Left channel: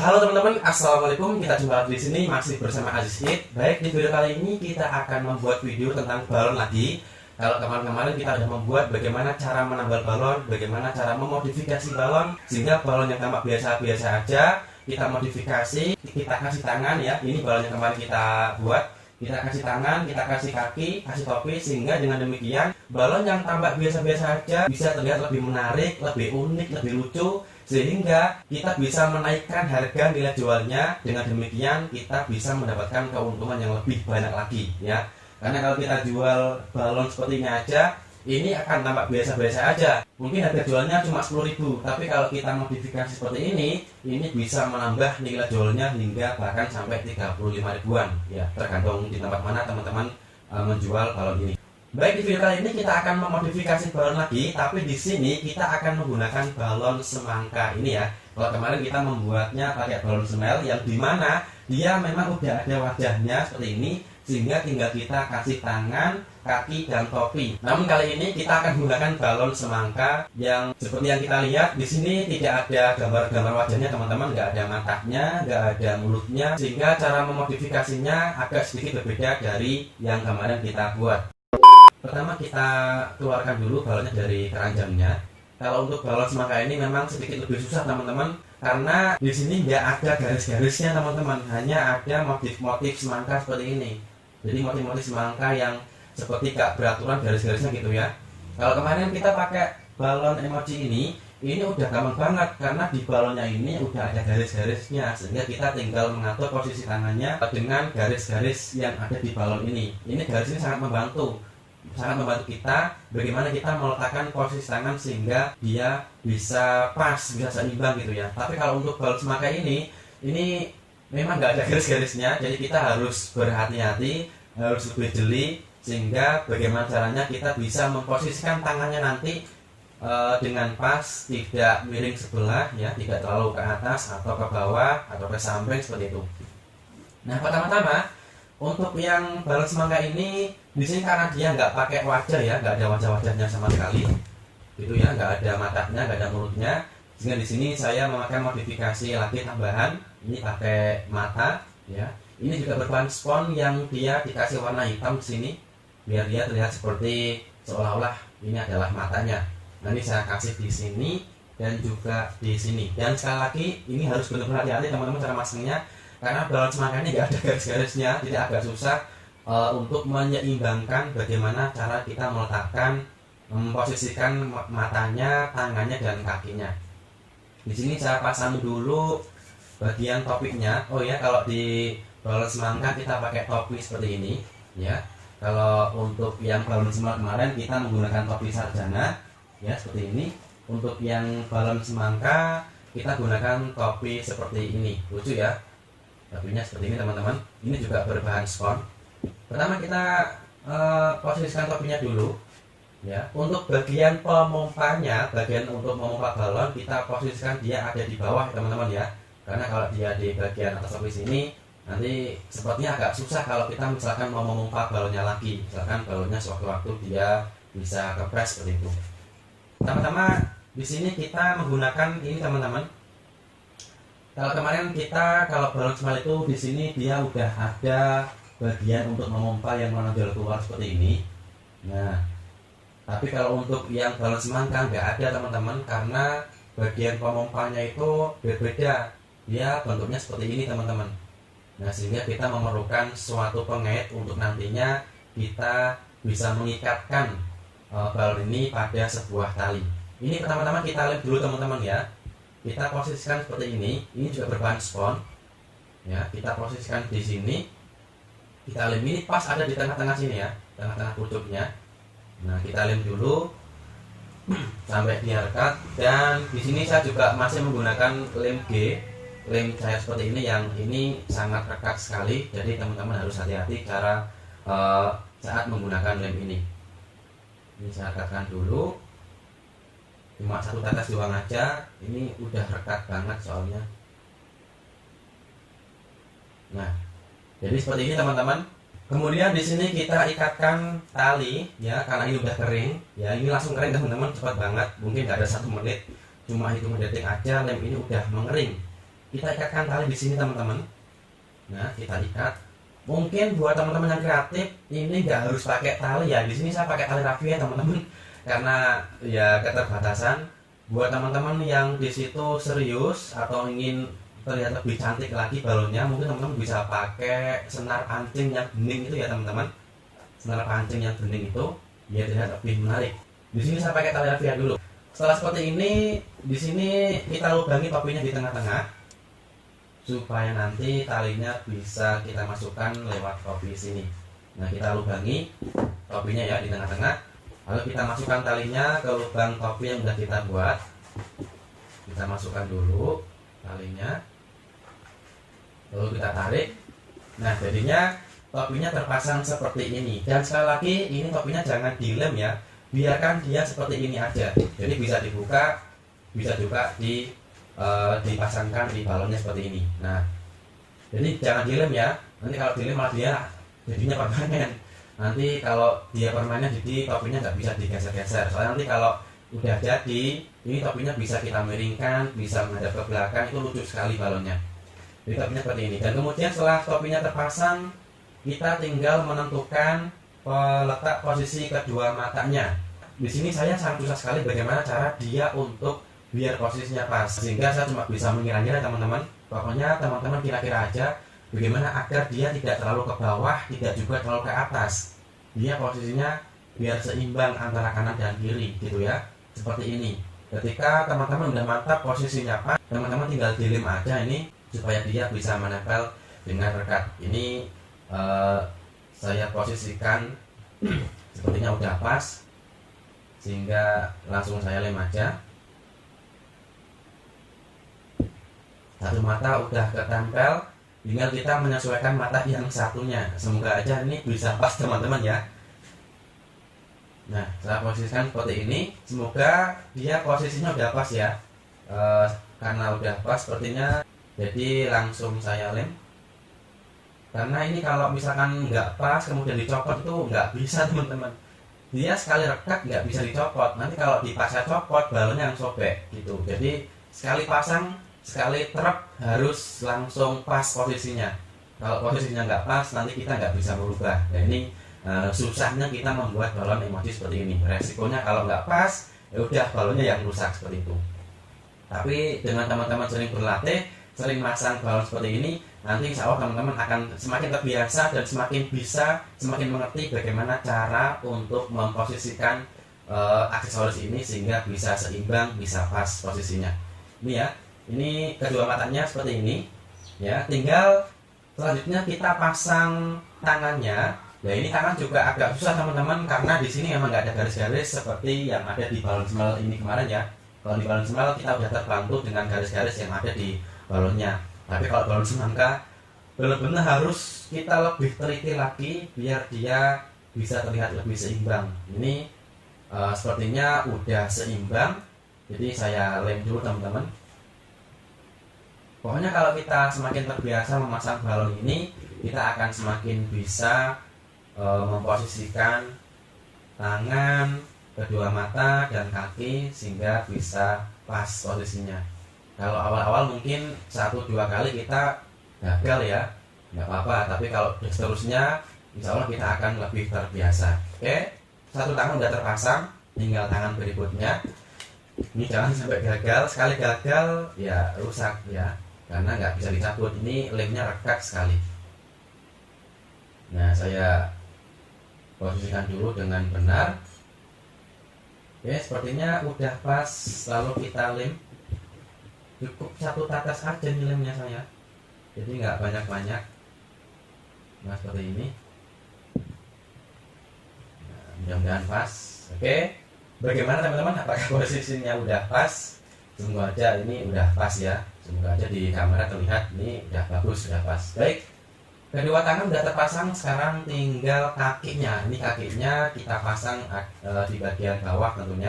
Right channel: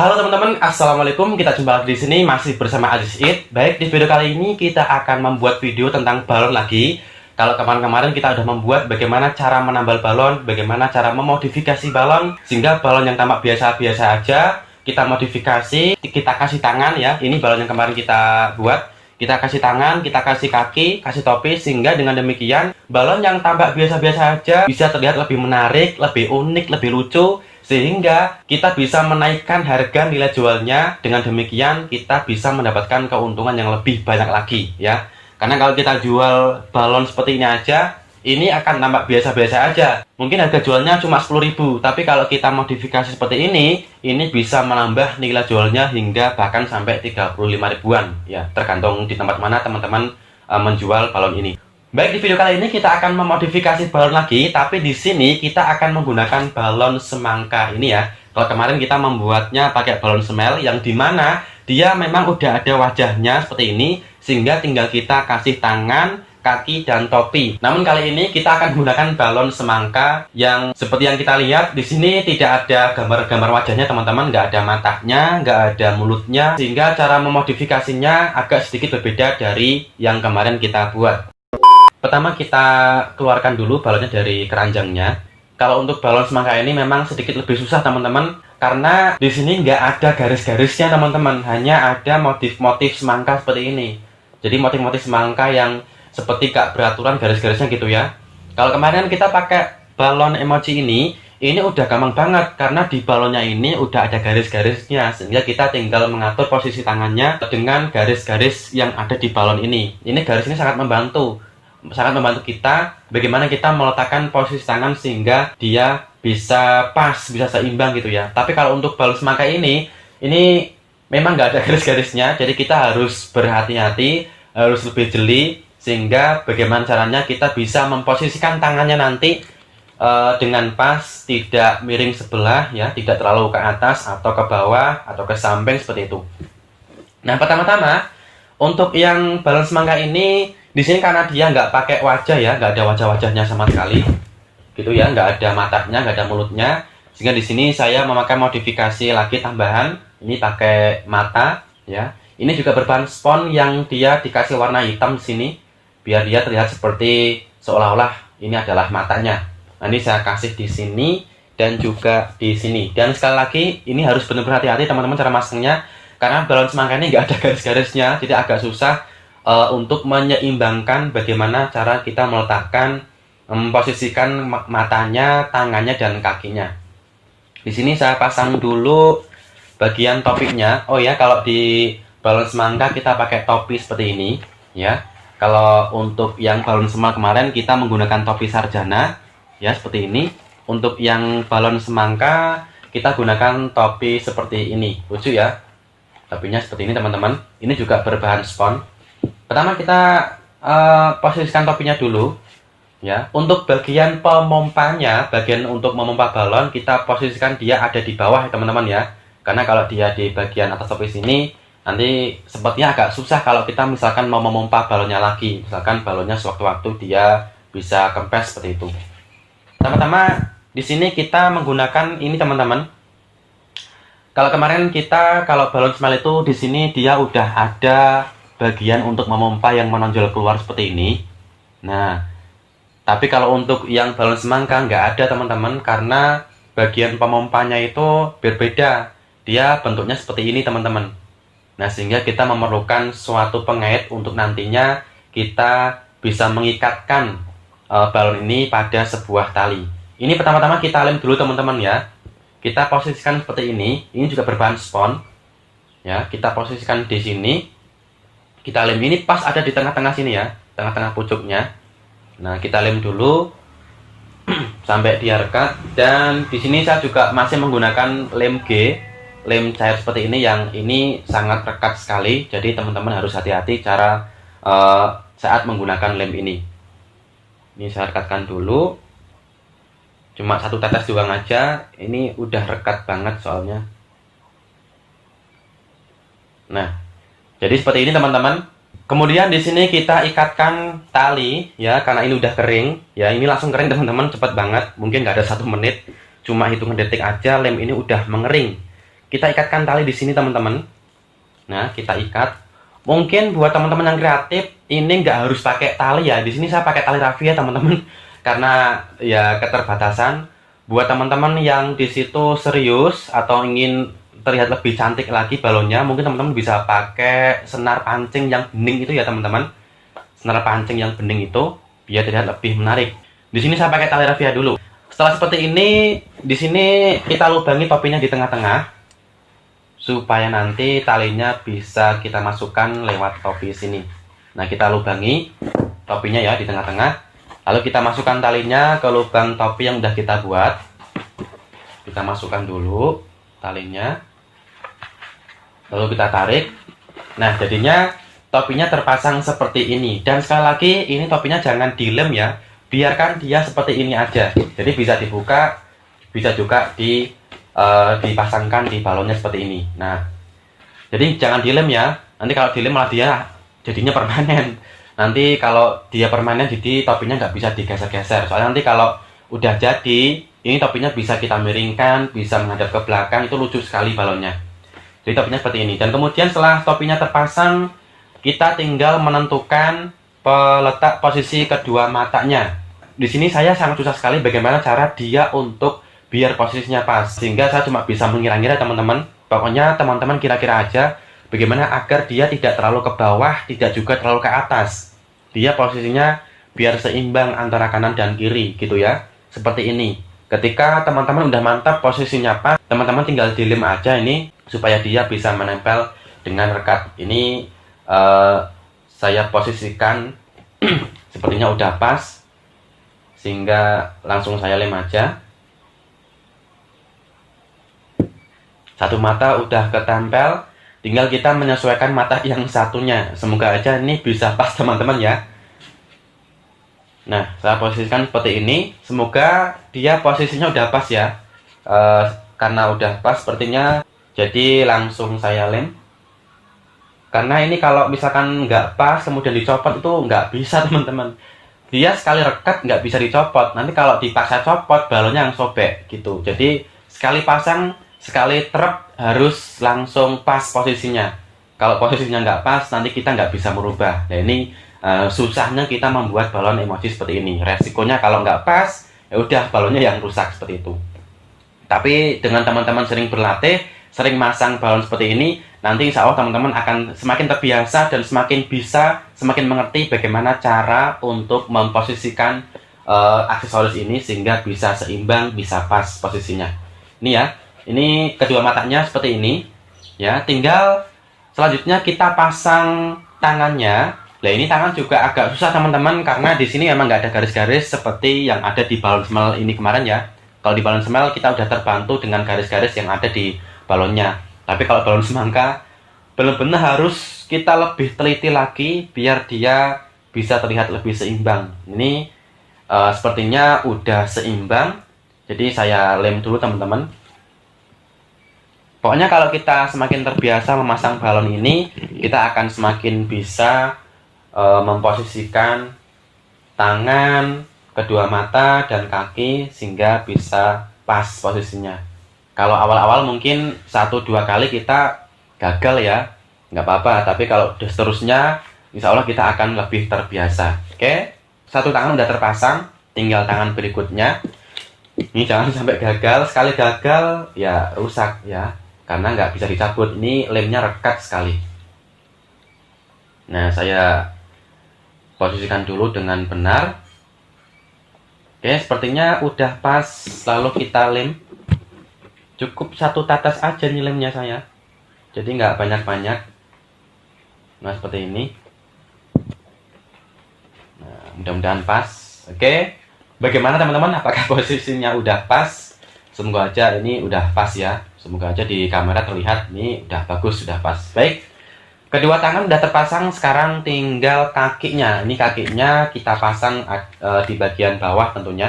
Halo teman-teman, assalamualaikum. Kita jumpa di sini masih bersama Aziz It. Baik, di video kali ini kita akan membuat video tentang balon lagi. Kalau kemarin-kemarin kita udah membuat bagaimana cara menambal balon, bagaimana cara memodifikasi balon sehingga balon yang tampak biasa-biasa aja kita modifikasi, kita kasih tangan ya. Ini balon yang kemarin kita buat. Kita kasih tangan, kita kasih kaki, kasih topi, sehingga dengan demikian balon yang tampak biasa-biasa aja bisa terlihat lebih menarik, lebih unik, lebih lucu, sehingga kita bisa menaikkan harga nilai jualnya. Dengan demikian kita bisa mendapatkan keuntungan yang lebih banyak lagi ya. Karena kalau kita jual balon seperti ini aja, ini akan tampak biasa-biasa aja. Mungkin harga jualnya cuma 10.000, tapi kalau kita modifikasi seperti ini bisa menambah nilai jualnya hingga bahkan sampai 35 ribuan ya, tergantung di tempat mana teman-teman menjual balon ini. Baik, di video kali ini kita akan memodifikasi balon lagi, tapi di sini kita akan menggunakan balon semangka ini ya. Kalau kemarin kita membuatnya pakai balon semel yang dimana dia memang udah ada wajahnya seperti ini, sehingga tinggal kita kasih tangan, kaki, dan topi. Namun kali ini kita akan menggunakan balon semangka yang seperti yang kita lihat di sini tidak ada gambar-gambar wajahnya teman-teman, nggak ada matanya, nggak ada mulutnya, sehingga cara memodifikasinya agak sedikit berbeda dari yang kemarin kita buat. Pertama kita keluarkan dulu balonnya dari keranjangnya. Kalau untuk balon semangka ini memang sedikit lebih susah teman-teman, karena di sini nggak ada garis-garisnya teman-teman, hanya ada motif-motif semangka seperti ini. Jadi motif-motif semangka yang seperti gak beraturan garis-garisnya gitu ya. Kalau kemarin kita pakai balon emoji ini udah gampang banget karena di balonnya ini udah ada garis-garisnya, sehingga kita tinggal mengatur posisi tangannya dengan garis-garis yang ada di balon ini. Ini garis ini sangat membantu kita bagaimana kita meletakkan posisi tangan sehingga dia bisa pas, bisa seimbang gitu ya. Tapi kalau untuk balon semangka ini memang nggak ada garis-garisnya, jadi kita harus berhati-hati, harus lebih jeli, sehingga bagaimana caranya kita bisa memposisikan tangannya nanti dengan pas, tidak miring sebelah ya, tidak terlalu ke atas atau ke bawah atau ke samping seperti itu. Nah, pertama-tama untuk yang balon semangka ini di sini karena dia nggak pakai wajah ya, nggak ada wajah-wajahnya sama sekali gitu ya, nggak ada matanya, nggak ada mulutnya, sehingga di sini saya memakai modifikasi lagi tambahan. Ini pakai mata ya. Ini juga berbahan spons yang dia dikasih warna hitam di sini biar dia terlihat seperti seolah-olah ini adalah matanya. Nah, ini saya kasih di sini dan juga di sini. Dan sekali lagi ini harus benar-benar hati-hati teman-teman cara masangnya, karena balon semangka ini nggak ada garis-garisnya, jadi agak susah untuk menyeimbangkan bagaimana cara kita meletakkan, memposisikan matanya, tangannya, dan kakinya. Di sini saya pasang dulu bagian topinya. Oh ya, kalau di balon semangka kita pakai topi seperti ini ya. Kalau untuk yang balon semangka kemarin kita menggunakan topi sarjana ya, seperti ini. Untuk yang balon semangka kita gunakan topi seperti ini. Lucu ya, topinya seperti ini teman-teman. Ini juga berbahan spons. Pertama kita posisikan topinya dulu ya. Untuk bagian pemompanya, bagian untuk memompa balon, kita posisikan dia ada di bawah ya teman-teman ya. Karena kalau dia di bagian atas topi sini, nanti sepertinya agak susah kalau kita misalkan mau memompa balonnya lagi. Misalkan balonnya sewaktu-waktu dia bisa kempes seperti itu. Pertama-tama di sini kita menggunakan ini teman-teman. Kalau kemarin kita kalau balon semel itu di sini dia udah ada bagian untuk memompa yang menonjol keluar seperti ini. Nah, tapi kalau untuk yang balon semangka nggak ada teman-teman, karena bagian pemompanya itu berbeda. Dia bentuknya seperti ini teman-teman. Nah, sehingga kita memerlukan suatu pengait untuk nantinya kita bisa mengikatkan balon ini pada sebuah tali. Ini pertama-tama kita lem dulu teman-teman ya. Kita posisikan seperti ini. Ini juga berbahan spons ya. Kita posisikan di sini. Kita lem ini pas ada di tengah-tengah sini ya, tengah-tengah pucuknya. Nah, kita lem dulu sampai dia rekat. Dan di sini saya juga masih menggunakan lem G, lem cair seperti ini, yang ini sangat rekat sekali. Jadi teman-teman harus hati-hati cara saat menggunakan lem ini. Ini saya rekatkan dulu, cuma satu tetes doang aja. Ini udah rekat banget soalnya. Nah, jadi seperti ini teman-teman. Kemudian di sini kita ikatkan tali ya, karena ini udah kering ya. Ini langsung kering teman-teman, cepat banget. Mungkin nggak ada 1 menit, cuma hitungan detik aja lem ini udah mengering. kita ikatkan tali di sini teman-teman. Nah, kita ikat. Mungkin buat teman-teman yang kreatif, ini nggak harus pakai tali ya. Di sini saya pakai tali rafia ya teman-teman, karena ya keterbatasan. Buat teman-teman yang di situ serius atau ingin terlihat lebih cantik lagi balonnya, mungkin teman-teman bisa pakai senar pancing yang bening itu ya teman-teman. Senar pancing yang bening itu biar terlihat lebih menarik. Di sini saya pakai tali rafia dulu. Setelah seperti ini, di sini kita lubangi topinya di tengah-tengah, supaya nanti talinya bisa kita masukkan lewat topi sini. Nah, kita lubangi topinya ya di tengah-tengah, lalu kita masukkan talinya ke lubang topi yang udah kita buat. Kita masukkan dulu talinya, lalu kita tarik. Nah, jadinya topinya terpasang seperti ini. Dan sekali lagi, ini topinya jangan dilem ya, biarkan dia seperti ini aja. Jadi bisa dibuka, bisa juga dipasangkan di balonnya seperti ini. Nah, jadi jangan dilem ya. Nanti kalau dilem malah dia jadinya permanen. Nanti kalau dia permanen, jadi topinya nggak bisa digeser-geser. Soalnya nanti kalau udah jadi, ini topinya bisa kita miringkan, bisa menghadap ke belakang, itu lucu sekali balonnya. Jadi topinya seperti ini. Dan kemudian setelah topinya terpasang, kita tinggal menentukan letak posisi kedua matanya. Di sini saya sangat susah sekali bagaimana cara dia untuk biar posisinya pas, sehingga saya cuma bisa mengira-ngira teman-teman. Pokoknya teman-teman kira-kira aja bagaimana agar dia tidak terlalu ke bawah, tidak juga terlalu ke atas. Dia posisinya biar seimbang antara kanan dan kiri gitu ya, seperti ini. Ketika teman-teman udah mantap posisinya pas, teman-teman tinggal dilem aja ini supaya dia bisa menempel dengan rekat. Ini saya posisikan sepertinya udah pas, sehingga langsung saya lem aja. Satu mata udah ketempel, tinggal kita menyesuaikan mata yang satunya. Semoga aja ini bisa pas teman-teman ya. Nah, saya posisikan seperti ini. Semoga dia posisinya udah pas ya. Karena udah pas sepertinya, jadi langsung saya lem. Karena ini kalau misalkan nggak pas kemudian dicopot itu nggak bisa teman-teman. Dia sekali rekat nggak bisa dicopot. Nanti kalau dipaksa copot, balonnya yang sobek gitu. Jadi sekali pasang, sekali trep harus langsung pas posisinya. Kalau posisinya nggak pas, nanti kita nggak bisa merubah. Nah, ini susahnya kita membuat balon emoji seperti ini. Resikonya kalau nggak pas, ya udah balonnya yang rusak seperti itu. Tapi dengan teman-teman sering berlatih, sering masang balon seperti ini, nanti insya Allah teman-teman akan semakin terbiasa dan semakin bisa, semakin mengerti bagaimana cara untuk memposisikan aksesoris ini sehingga bisa seimbang, bisa pas posisinya. Ini ya. Ini kedua matanya seperti ini ya. Tinggal selanjutnya kita pasang tangannya. Nah, ini tangan juga agak susah teman-teman, karena di sini memang nggak ada garis-garis seperti yang ada di balon smell ini kemarin ya. Kalau di balon smell kita udah terbantu dengan garis-garis yang ada di balonnya. Tapi kalau balon semangka benar-benar harus kita lebih teliti lagi biar dia bisa terlihat lebih seimbang. Ini sepertinya udah seimbang. Jadi saya lem dulu teman-teman. Pokoknya kalau kita semakin terbiasa memasang balon ini, kita akan semakin bisa memposisikan tangan, kedua mata, dan kaki sehingga bisa pas posisinya. Kalau awal-awal mungkin 1-2 kali kita gagal ya, nggak apa-apa. Tapi kalau seterusnya, insya Allah kita akan lebih terbiasa. Oke, satu tangan udah terpasang, tinggal tangan berikutnya. Ini jangan sampai gagal. Sekali gagal ya rusak ya, karena nggak bisa dicabut. Ini lemnya rekat sekali. Nah, saya posisikan dulu dengan benar. Oke, sepertinya udah pas. Lalu kita lem. Cukup satu tetes aja nih lemnya saya. Jadi nggak banyak-banyak. Nah, seperti ini. Nah, mudah-mudahan pas. Oke. Bagaimana teman-teman? Apakah posisinya udah pas? Semoga aja ini udah pas ya. Semoga aja di kamera terlihat ini udah bagus, sudah pas. Baik. Kedua tangan udah terpasang, sekarang tinggal kakinya. Ini kakinya kita pasang di bagian bawah tentunya.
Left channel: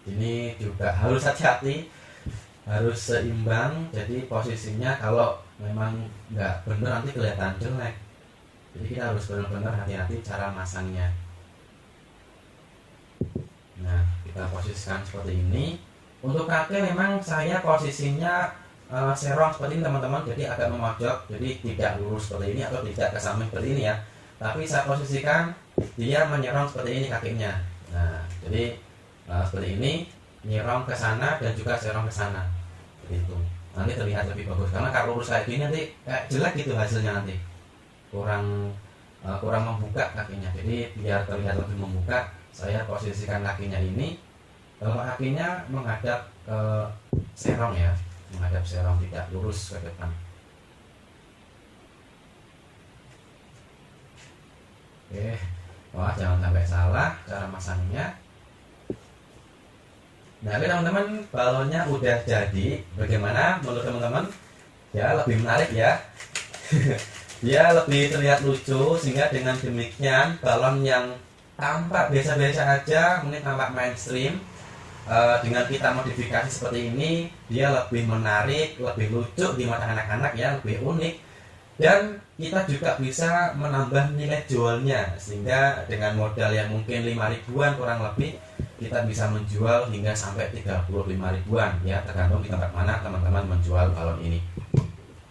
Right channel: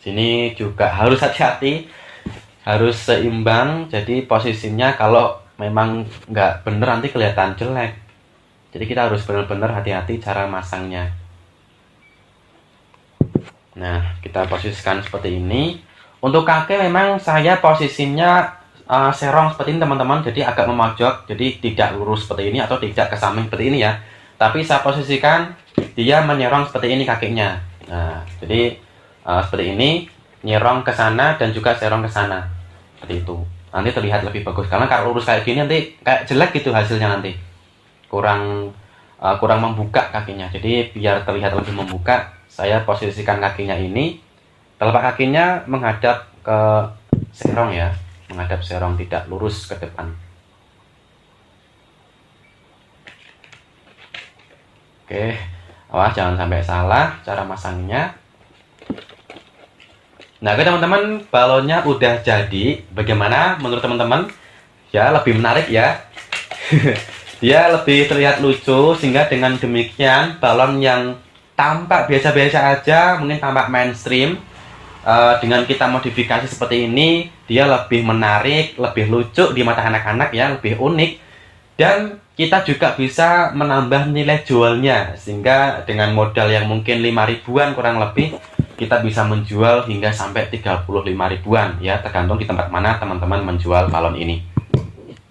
Sini juga harus hati-hati, harus seimbang. Jadi posisinya kalau memang nggak bener nanti kelihatan jelek. Jadi kita harus benar-benar hati-hati cara masangnya. Nah, kita posisikan seperti ini. Untuk kaki memang saya posisinya serong seperti ini teman-teman, jadi agak memojok, jadi tidak lurus seperti ini atau tidak ke samping seperti ini ya. Tapi saya posisikan dia menyerong seperti ini kakinya. Nah, jadi seperti ini, nyerong ke sana dan juga serong ke sana. Seperti itu. Nanti terlihat lebih bagus, karena kalau lurus kayak gini nanti kayak jelek gitu hasilnya, nanti kurang membuka kakinya. Jadi biar terlihat lebih membuka, saya posisikan kakinya ini, telapak kakinya menghadap ke serong ya, menghadap serong, tidak lurus ke depan. Oke, awas jangan sampai salah cara masangnya. Nah, oke teman-teman, balonnya udah jadi. Bagaimana menurut teman-teman? Ya, lebih menarik ya. Dia lebih terlihat lucu, sehingga dengan demikian balon yang tampak biasa-biasa aja, mungkin tampak mainstream, dengan kita modifikasi seperti ini, dia lebih menarik, lebih lucu di mata anak-anak ya, lebih unik. Dan kita juga bisa menambah nilai jualnya, sehingga dengan modal yang mungkin 5 ribuan kurang lebih, kita bisa menjual hingga sampai 35 ribuan ya, tergantung di tempat mana teman-teman menjual balon ini.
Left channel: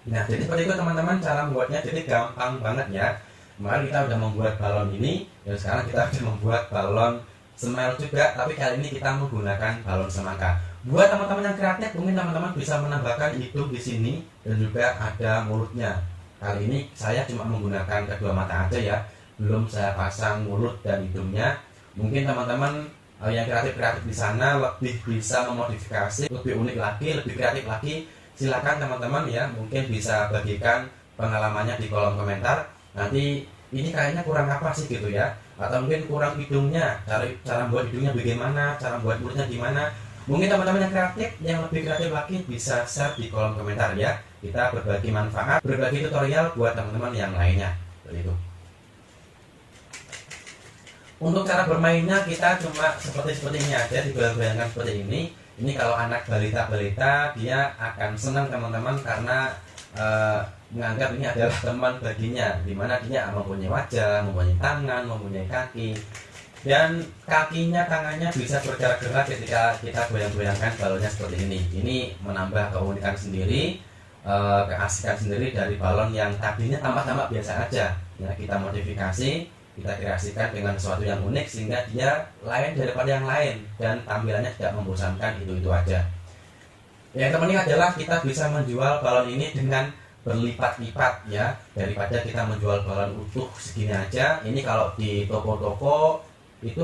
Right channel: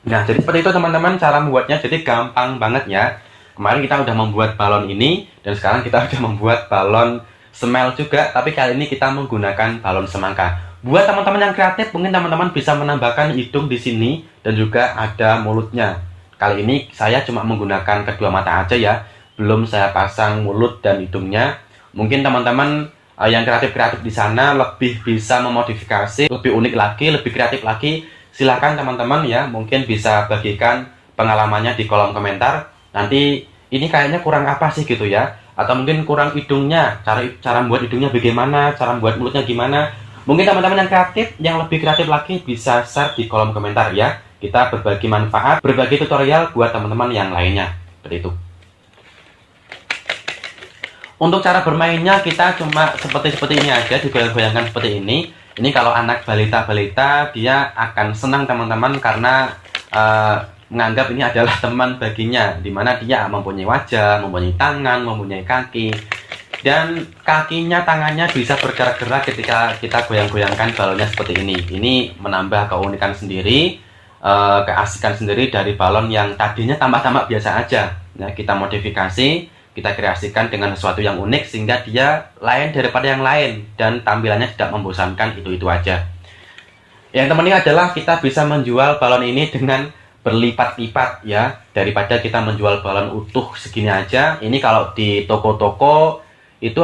Nah, jadi seperti itu teman-teman cara membuatnya. Jadi gampang banget ya. Kemarin kita udah membuat balon ini, dan sekarang kita udah membuat balon semel juga, tapi kali ini kita menggunakan balon semangka. Buat teman-teman yang kreatif, mungkin teman-teman bisa menambahkan hidung di sini dan juga ada mulutnya. Kali ini saya cuma menggunakan kedua mata aja ya, belum saya pasang mulut dan hidungnya. Mungkin teman-teman yang kreatif-kreatif di sana lebih bisa memodifikasi, lebih unik lagi, lebih kreatif lagi. Silahkan teman-teman ya, mungkin bisa bagikan pengalamannya di kolom komentar. Nanti ini kayaknya kurang apa sih gitu ya, atau mungkin kurang hidungnya, cara membuat hidungnya bagaimana, cara membuat mulutnya gimana. Mungkin teman-teman yang kreatif, yang lebih kreatif lagi bisa share di kolom komentar ya. Kita berbagi manfaat, berbagi tutorial buat teman-teman yang lainnya. Seperti itu. Untuk cara bermainnya kita cuma seperti ini aja, digoyang-goyangkan seperti ini. Ini kalau anak balita-balita dia akan senang teman-teman, karena menganggap ini adalah teman baginya, dimana dia mempunyai wajah, mempunyai tangan, mempunyai kaki, dan kakinya, tangannya bisa bergerak-gerak ketika kita goyang-goyangkan balonnya seperti ini. Ini menambah keunikan sendiri, keasikan sendiri dari balon yang tadinya tampak-tampak biasa aja. Nah, kita modifikasi, kita kreasikan dengan sesuatu yang unik, sehingga dia lain daripada yang lain dan tampilannya tidak membosankan, itu aja. Yang terpenting adalah kita bisa menjual balon ini dengan berlipat-lipat ya, daripada kita menjual balon utuh segini aja. Ini kalau di toko-toko itu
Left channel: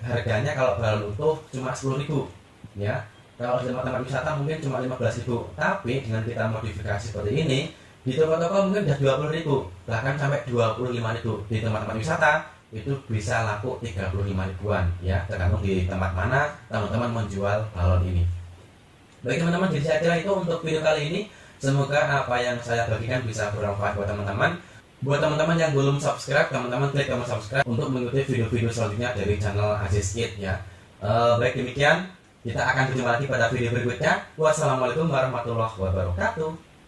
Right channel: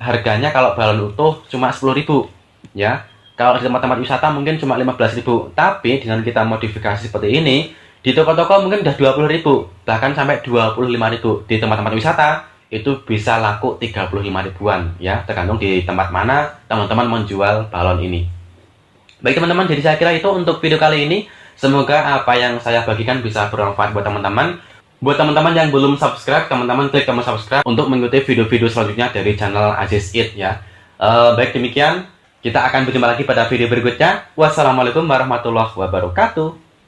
harganya kalau balon utuh cuma 10.000 ya. Kalau di tempat-tempat wisata mungkin cuma 15.000. Tapi dengan kita modifikasi seperti ini, di toko-toko mungkin udah 20.000, bahkan sampai 25.000. Di tempat-tempat wisata itu bisa laku 35 ribuan ya, tergantung di tempat mana teman-teman menjual balon ini. Baik teman-teman, jadi saya kira itu untuk video kali ini. Semoga apa yang saya bagikan bisa bermanfaat buat teman-teman. Buat teman-teman yang belum subscribe, teman-teman klik tombol subscribe untuk mengikuti video-video selanjutnya dari channel Aziz Eat ya. Baik demikian, kita akan berjumpa lagi pada video berikutnya. Wassalamualaikum warahmatullahi wabarakatuh.